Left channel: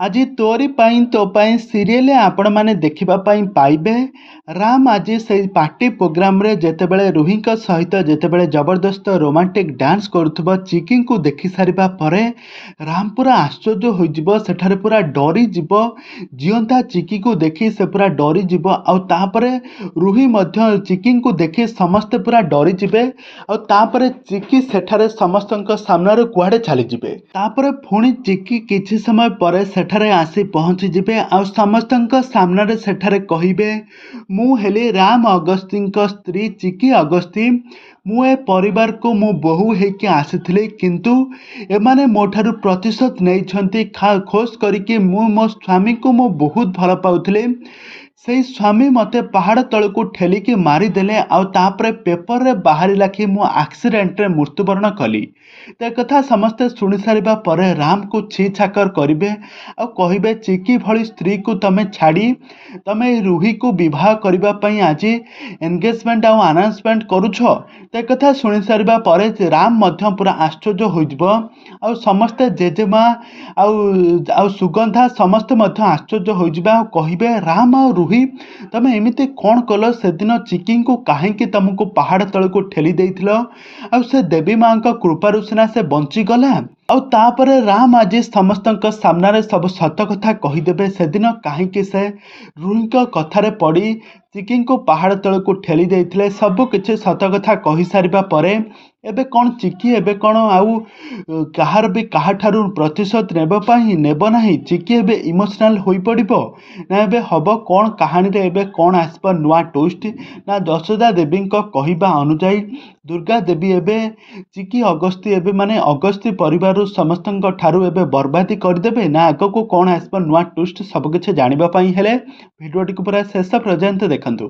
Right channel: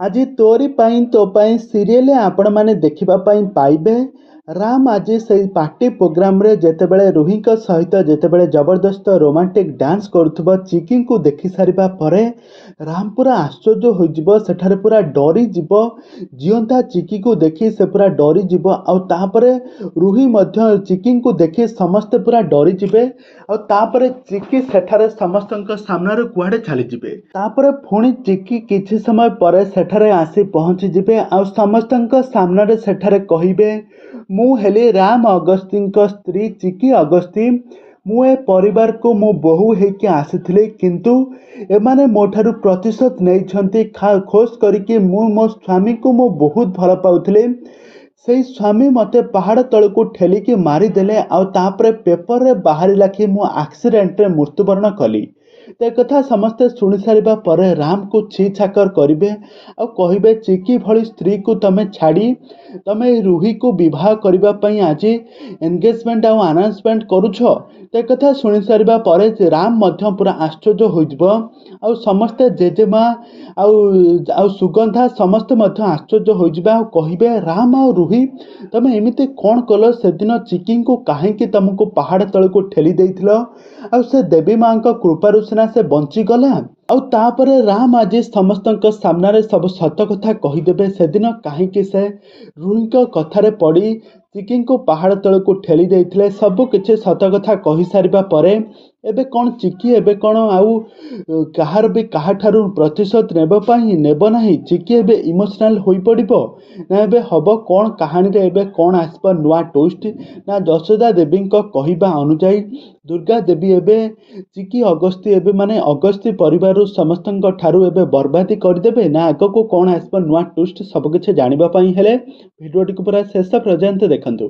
ଆଜି ତୋରି ପାଇଁ ତୋ ପାଇଁ ସିରିଏଲ ଆପଣ ମାନେ ଦେଖିବା ପାଇଁ ପାଇବେ। ରାମ ଆଜି ସେଇ ପାର୍ଟି ପ୍ରୋଗ୍ରାମରେ ଯେତେବେଳେ ରୁହିଙ୍କ ସହିତ ଯେତେବେଳେ ଜବରଦସ୍ତ ରୋମାଣ୍ଟିକ ଡ୍ୟାନ୍ସ କରୁଥିବ ଚିକିଙ୍କୁ ଦେଖି ସାରିବା ପରେ ରାମ ପୁରା ଆଶ୍ଚର୍ଯ୍ୟ ହୋଇଯିବ, ସେଠାରେ ପୁରା ଡରିଯିବ। ଜିଅନ୍ତା ଚିକିକୁ ଦେଖି ସେ ପୁରା ଡରିଯିବ। ଆଉ ତାପରେ ରୁହି ମଧ୍ୟ ଚିକିଙ୍କୁ ଦେଖି ସମସ୍ତେ ପୁରା ଡରିଯିବେ। ଆଉ ତାପରେ ଚିକି ସେଠାରେ ସମସ୍ତଙ୍କ ସାମ୍ନାରେ କୁଆଡ଼େ ଚାଲିଯିବେ। ତାପରେ ପୁଣି ଚିକି କିଛି ସମୟ ପରେ ସେଠାରେ ଆସି ପହଞ୍ଚିଯିବେ ଆଉ ସମସ୍ତଙ୍କ ସାମ୍ନାରେ ସେଠାରେ କହିବେ, ମୁଁ ହେଲି ରାମ ଅଗସ୍ତିଙ୍କ ସ୍ତ୍ରୀ ଚିକି ଅଗସ୍ତି। ମୁଁ ଏ ପରିବାରକୁ ମୁଁ ବୋହୂ ହେଇକି ଆସିଥିଲି, କିନ୍ତୁ ଏମାନେ ମୋ ଠାରୁ ପ୍ରତିଶୋଧ ନେଇଛନ୍ତି। ଖୋସ୍ କରିକି ମୁଁ ମୋ ସ୍ୱାମୀକୁ ମୁଁ ବହୁତ ଭଲ ପାଉଥିଲି। ସେଇ ସ୍ୱାମୀ ମୋତେ ପାହାଡ଼ ତଳକୁ ଠେଲିକି ମାରିଦେଲେ। ଆଉ ତାପରେ ପେପରରେ ବାହାରିଲା କି ମୁଁ ଆକ୍ସିଡେଣ୍ଟରେ ମୃତ୍ୟୁବରଣ କଲି। ତ କଥା ସମସ୍ତେ ଶୁଣି ସାରିବା ପରେ ରାମକୁ ଛି ଛାକର କରିବେ ଆଉ କହିବେ, ଚିକି ଭଳି ସ୍ତ୍ରୀକୁ ତମେ ଛାଡ଼ି ତମେ ରୁହିକୁ ବିବାହ କରିବା ପାଇଁ ଆଜି ଏନଗେଜମେଣ୍ଟ ଆଉ ଆନାଉନ୍ସମେଣ୍ଟ କରୁଛ। ତ କଥା ଶୁଣି ସାରିବା ପରେ ରାମ ମଧ୍ୟ ପୁରା ଆଶ୍ଚର୍ଯ୍ୟ ହୋଇଯିବ। ଆଉ ସମସ୍ତେ ଜେଜେମା ଆଉ ଆଉ ସୁଗନ୍ଧା ସମସ୍ତେ ମଧ୍ୟ ଆଶ୍ଚର୍ଯ୍ୟ ହୋଇଯିବେ ଆଉ କହିବେ, ରାମ ଆଉ ରୁହି ତମେ ଏମିତି କ'ଣ କଲ? ସେଦିନ ଚିକିଙ୍କୁ କାହିଁକି ତମକୁ ପାହାଡ଼ ତଳକୁ ଠେଲି ଦେଇଥିଲ? ଆଉ ସେ ଦେବୀ ମାଙ୍କ କୃପାରୁ ସିନା ସେ ବଞ୍ଚିଗଲା। ଆଉ ତାପରେ ରାମ ଆଜି ସମସ୍ତଙ୍କ ସାମ୍ନାରେ ସବୁ ସତ କଥା କହିଦେବେ। ସେଦିନ କାହିଁକି ସେ ରୁହିଙ୍କ କଥାରେ ପଡ଼ି ଚିକିଙ୍କୁ ପାହାଡ଼ ତଳକୁ ଠେଲି ଦେଇଥିଲେ। ସବୁ କିଛି ସତ କଥା କହିସାରିବା ପରେ ଏବେ କ'ଣ ଚିକି ଏବେ କ'ଣ ଆଉ କାହାର ବି କାହାଠାରୁ ପ୍ରତିଶୋଧ ନେବ ନାହିଁ? ଚିକି ଏବେ ଇମୋସନାଲ ହୋଇପଡ଼ିବ ନା ଏବେ ହବ କ'ଣ? କାହାଣୀରେ ଏବେ କ'ଣ ଆସିବ ନୂଆ ଟୁଇଷ୍ଟ? ନା ଯଶୋଦା ଦେବୀଙ୍କ କହିବା ଅନୁଯାୟୀ ଦୁର୍ଗା ଦେବୀ ଏବେ ଚିକି ଅଗସ୍ତି ଏବେ ମାନେ ଅଗସ୍ତି ପରିବାରରୁ ସମସ୍ତଙ୍କ ଠାରୁ ଏବେ ବର୍ବାଦୀ କରିଦେବେ? ନା ଆଗକୁ କ'ଣ ଆସିବ ନୂଆ ଟୁଇଷ୍ଟ? ସବୁକିଛି ଜାଣିବା ପାଇଁ ହେଲେ ଭିଡ଼ିଓଟିକୁ ପୁରା ଶେଷ ପର୍ଯ୍ୟନ୍ତ ଦେଖନ୍ତୁ।